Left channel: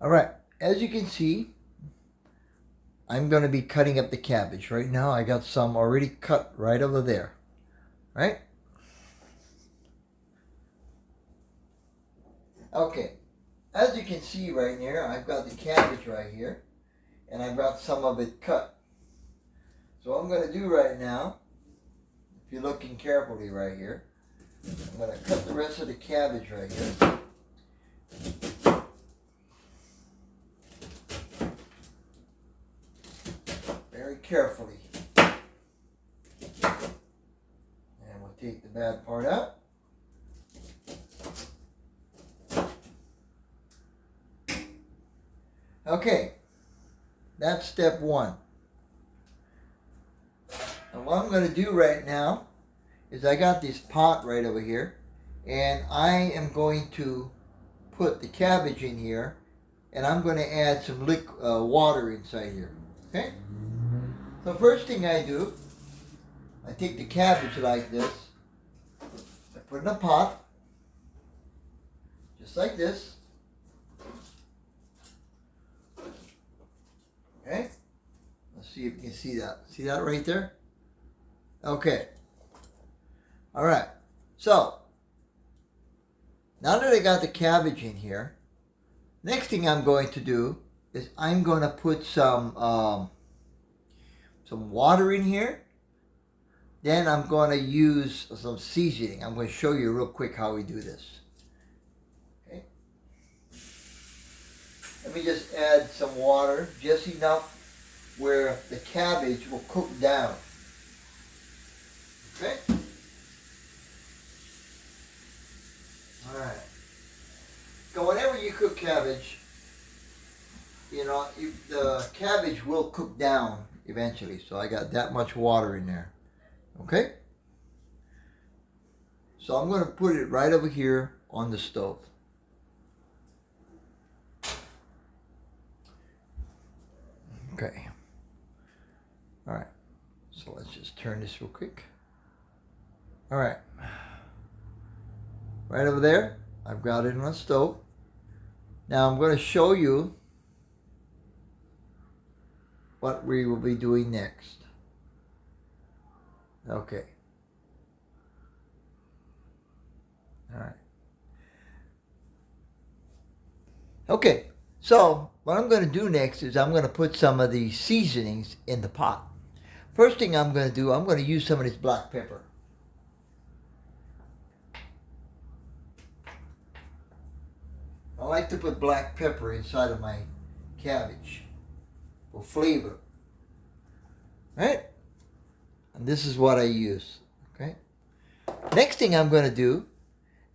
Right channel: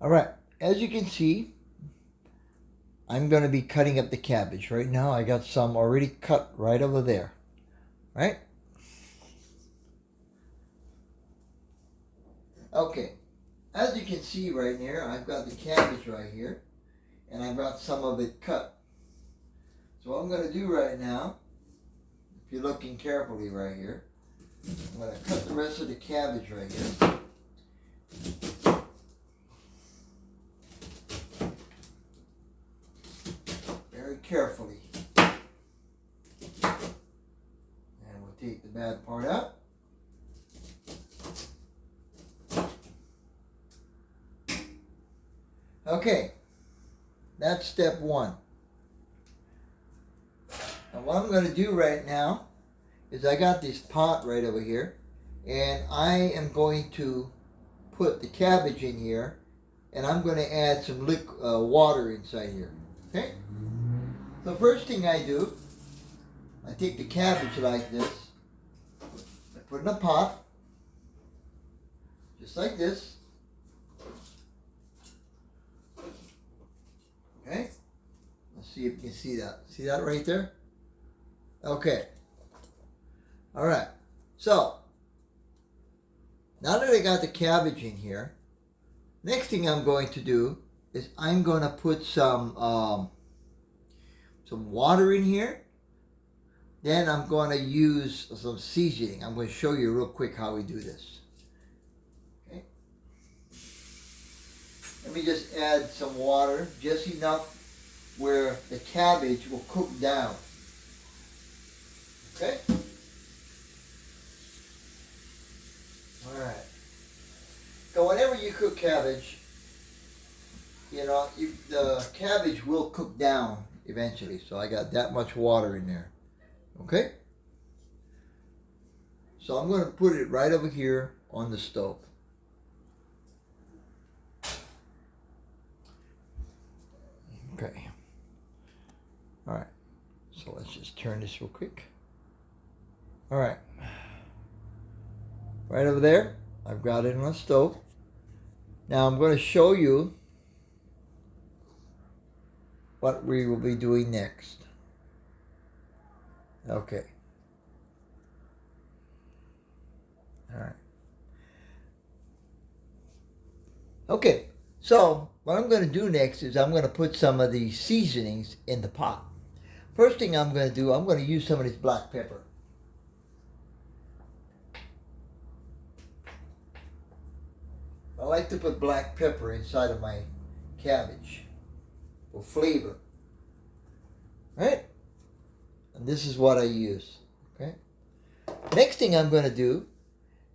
All right, as you can see, I'm going to be cutting up the cabbage. Right now I got some already cut right over there, right? Okay, as you can see right here, I've got the cabbage right here, and I've got some of it cut. So what I'm going to do right now, if you're looking carefully right here, I'm going to cut the rest of the cabbage right here. Very carefully. And we'll take the bad part out. Okay, that's step one. And what I'm going to do right now is I got this pot right over here, and I am going to put the cabbage in here, and I'm going to add some water inside here. Okay? So first thing I do, I take the cabbage like this, I put it in a pot, just like this. Okay? Let's see if you can see that. See that right there? Okay. All right. So, now that I got the cabbage in here, next thing I'm going to do is I'm going to put some water in here. Then I'm going to use some seasoning. I'm going to show you real quick how we do this. Okay. Let me just add some water, just enough where the cabbage will cook down. Okay? Alright. So whenever you cook cabbage, the cabbage will cook down eventually. So I got that much water in there. Okay? So I'm going to put it right over here on the stove. Okay. All right. So let's just turn this real quick. All right. Right over there, I've got it on the stove. Now I'm going to show you what we will be doing next. Okay. All right. Okay. So what I'm going to do next is I'm going to put some of the seasonings in the pot. First thing I'm going to do, I'm going to use some of this black pepper. I like to put black pepper inside of my cabbage for flavor. Right? And this is what I use. Okay? Next thing I'm going to do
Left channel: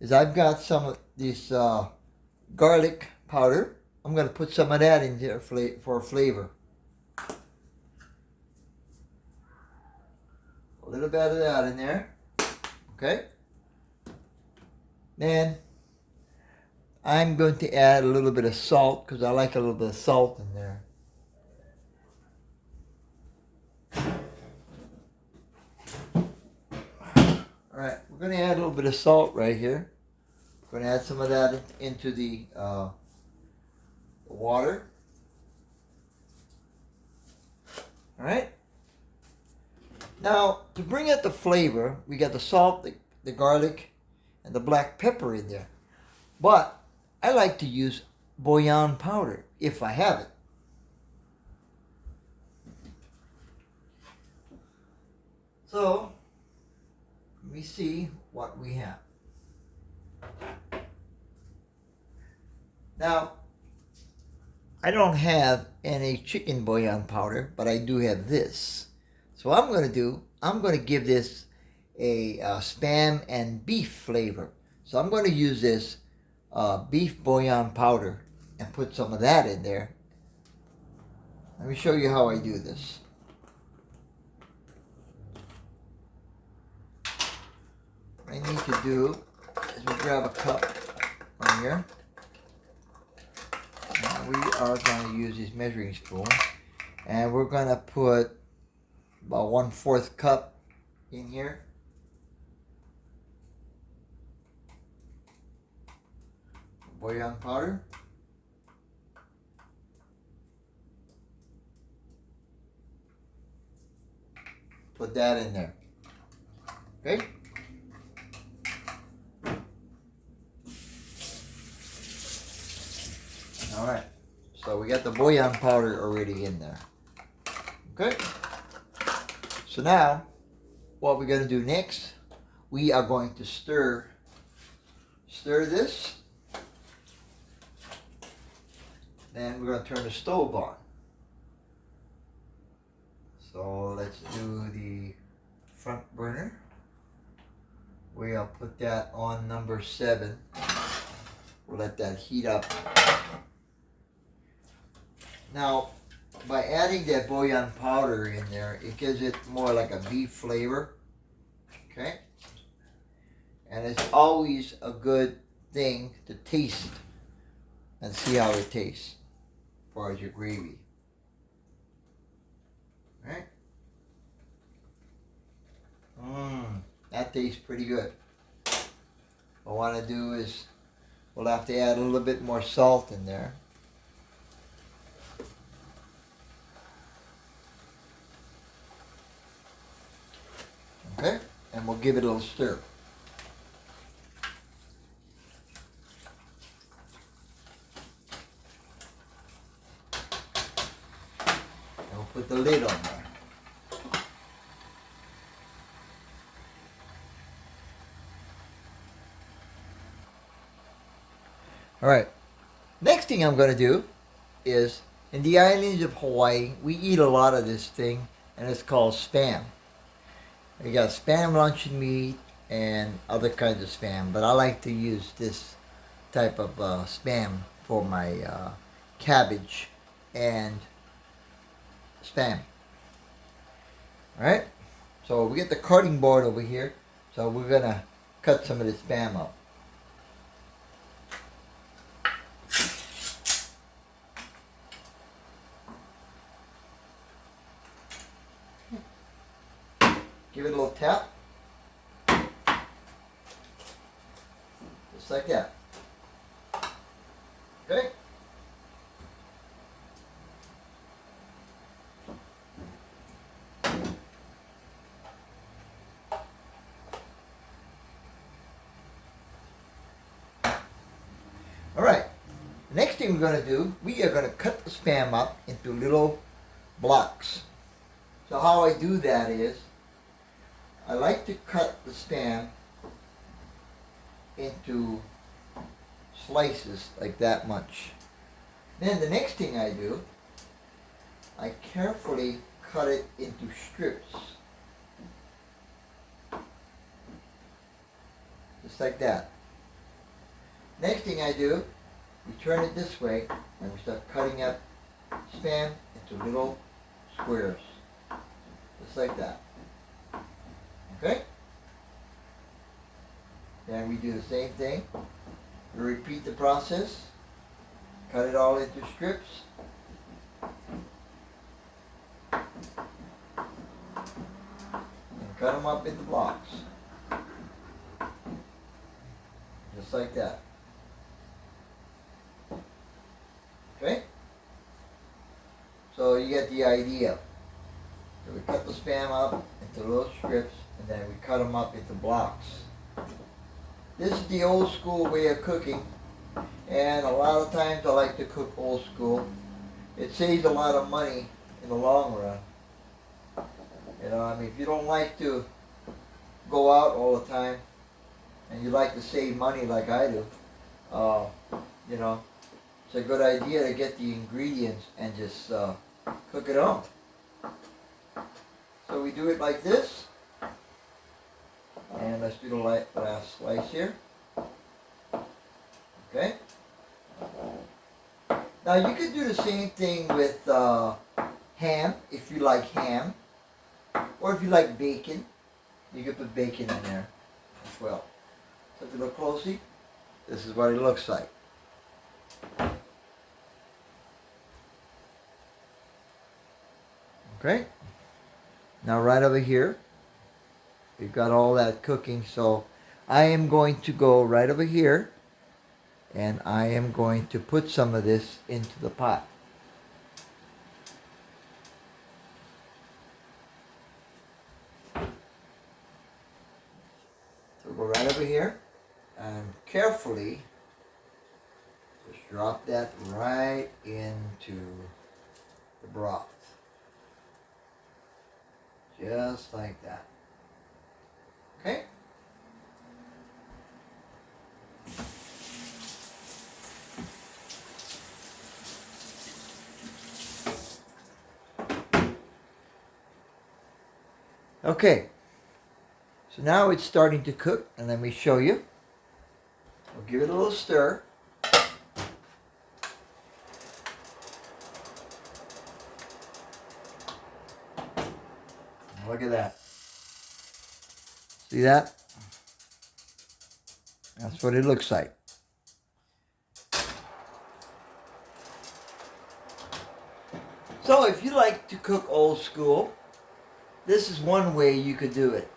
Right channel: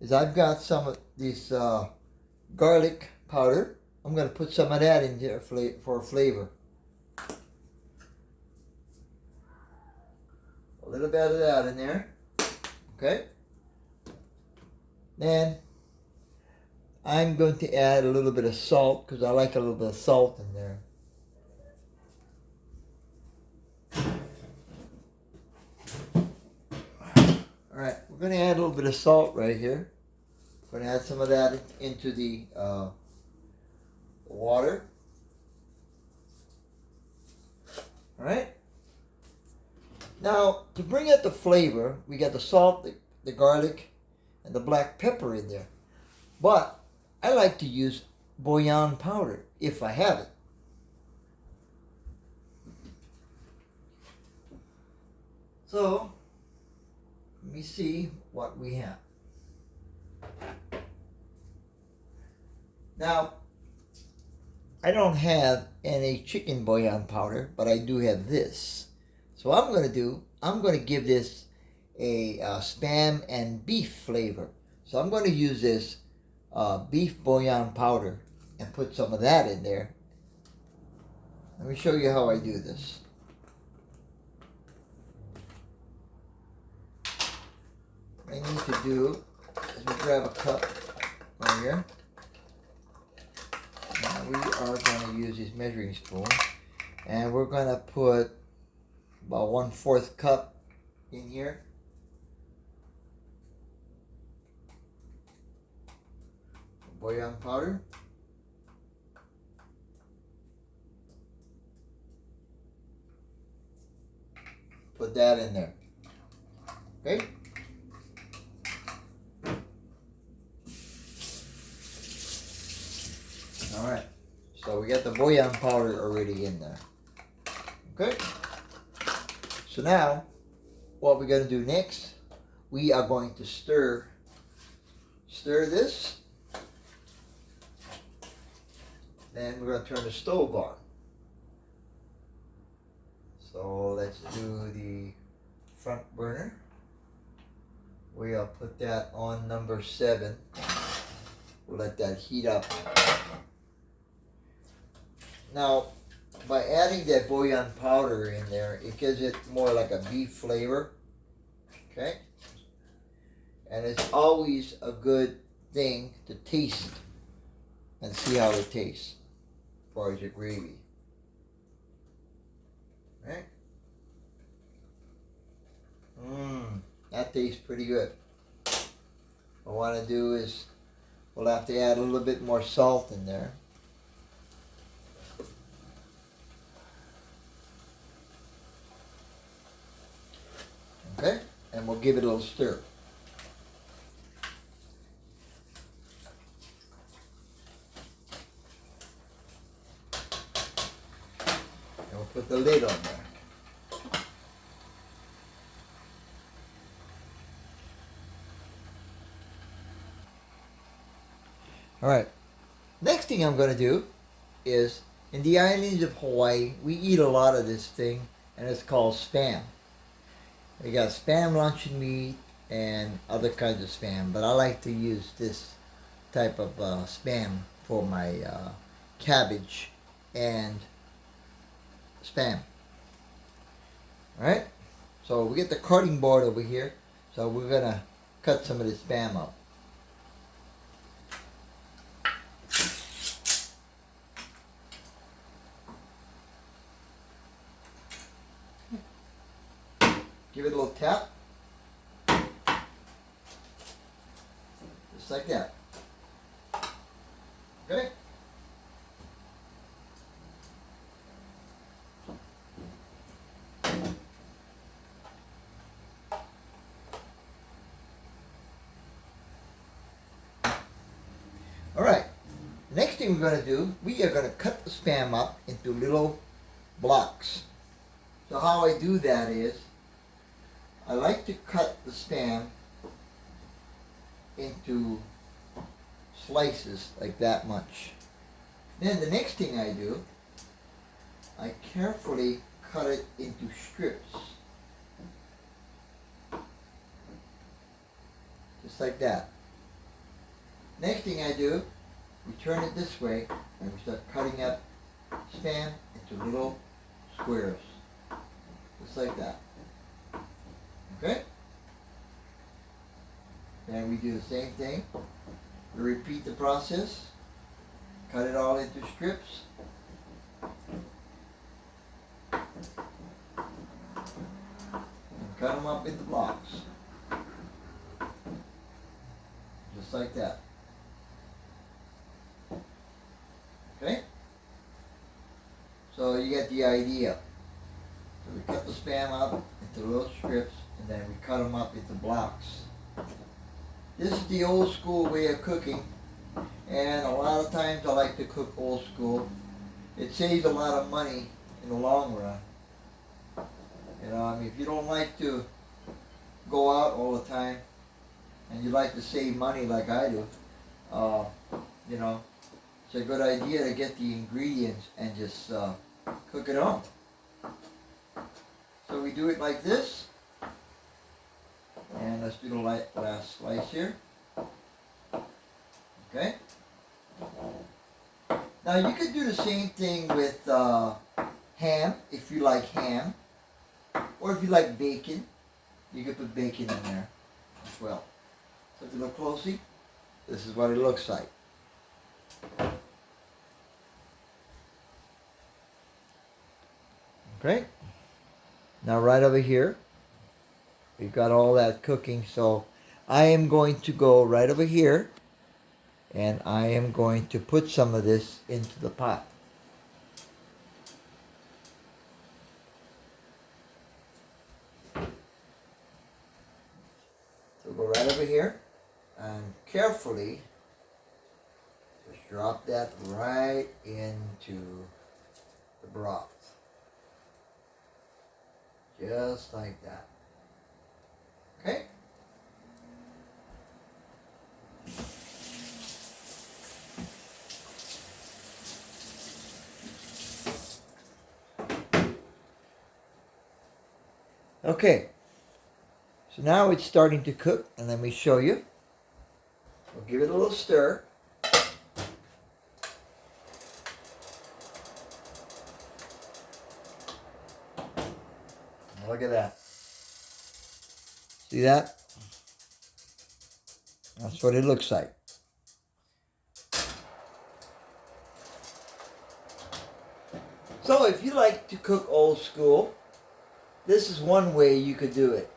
is I've got some of this garlic powder. I'm going to put some of that in there for flavor. A little bit of that in there. Okay? Then I'm going to add a little bit of salt because I like a little bit of salt in there. Alright, we're going to add a little bit of salt right here. We're going to add some of that into the water. Alright? Now, to bring out the flavor, we got the salt, the garlic, and the black pepper in there. But I like to use bouillon powder if I have it. So, let me see what we have. Now, I don't have any chicken bouillon powder, but I do have this. So what I'm going to do, I'm going to give this a spam and beef flavor. So I'm going to use this beef bouillon powder and put some of that in there. Let me show you how I do this. What I need to do is we grab a cup right here. And we are going to use this measuring spoon. And we're going to put about 1/4 cup in here. Bouillon powder. put that in there. Okay? Alright. So we got the bouillon powder already in there. Okay? So now, what we're going to do next, we are going to stir this. Then we're going to turn the stove on. So let's do the front burner. We'll put that on number 7. We'll let that heat up. Now, by adding that bouillon powder in there, it gives it more like a beef flavor. Okay? And it's always a good thing to taste and see how it tastes as far as your gravy. Right? That tastes pretty good. What I want to do is, we'll have to add a little bit more salt in there. Okay? And we'll give it a little stir. And we'll put the lid on there. Alright, next thing I'm going to do is, in the islands of Hawaii, we eat a lot of this thing, and it's called Spam. We got Spam luncheon meat and other kinds of Spam, but I like to use this type of Spam for my cabbage and Spam. Alright, so we get the cutting board over here, so we're going to cut some of the Spam up. Give it a little tap. Just like that. Okay? Alright. Next thing we're going to do, we are going to cut the Spam up into little blocks. So how I do that is, I like to cut the Spam into slices like that much. Then the next thing I do, I carefully cut it into strips. Just like that. Next thing I do, we turn it this way and we start cutting up Spam into little squares. Just like that. Okay? Then we do the same thing. We repeat the process. Cut it all into strips. And cut them up into blocks. Just like that. Okay? So you get the idea. So we cut the Spam up into little strips, and then we cut them up into blocks. This is the old school way of cooking, and a lot of times I like to cook old school. It saves a lot of money in the long run. You know, I mean, if you don't like to go out all the time, and you like to save money like I do, you know, it's a good idea to get the ingredients and just cook it on. So we do it like this. And let's do the last slice here. Okay. Now you could do the same thing with ham, if you like ham. Or if you like bacon, you could put bacon in there as well. So if you look closely, this is what it looks like. Okay. Now right over here, we've got all that cooking, so I am going to go right over here and I am going to put some of this into the pot. carefully just drop that right into the broth. Just like that. Okay? Okay. So now it's starting to cook, and let me show you. We'll give it a little stir. Look at that. See that? That's what it looks like. So if you like to cook old school, this is one way you could do it.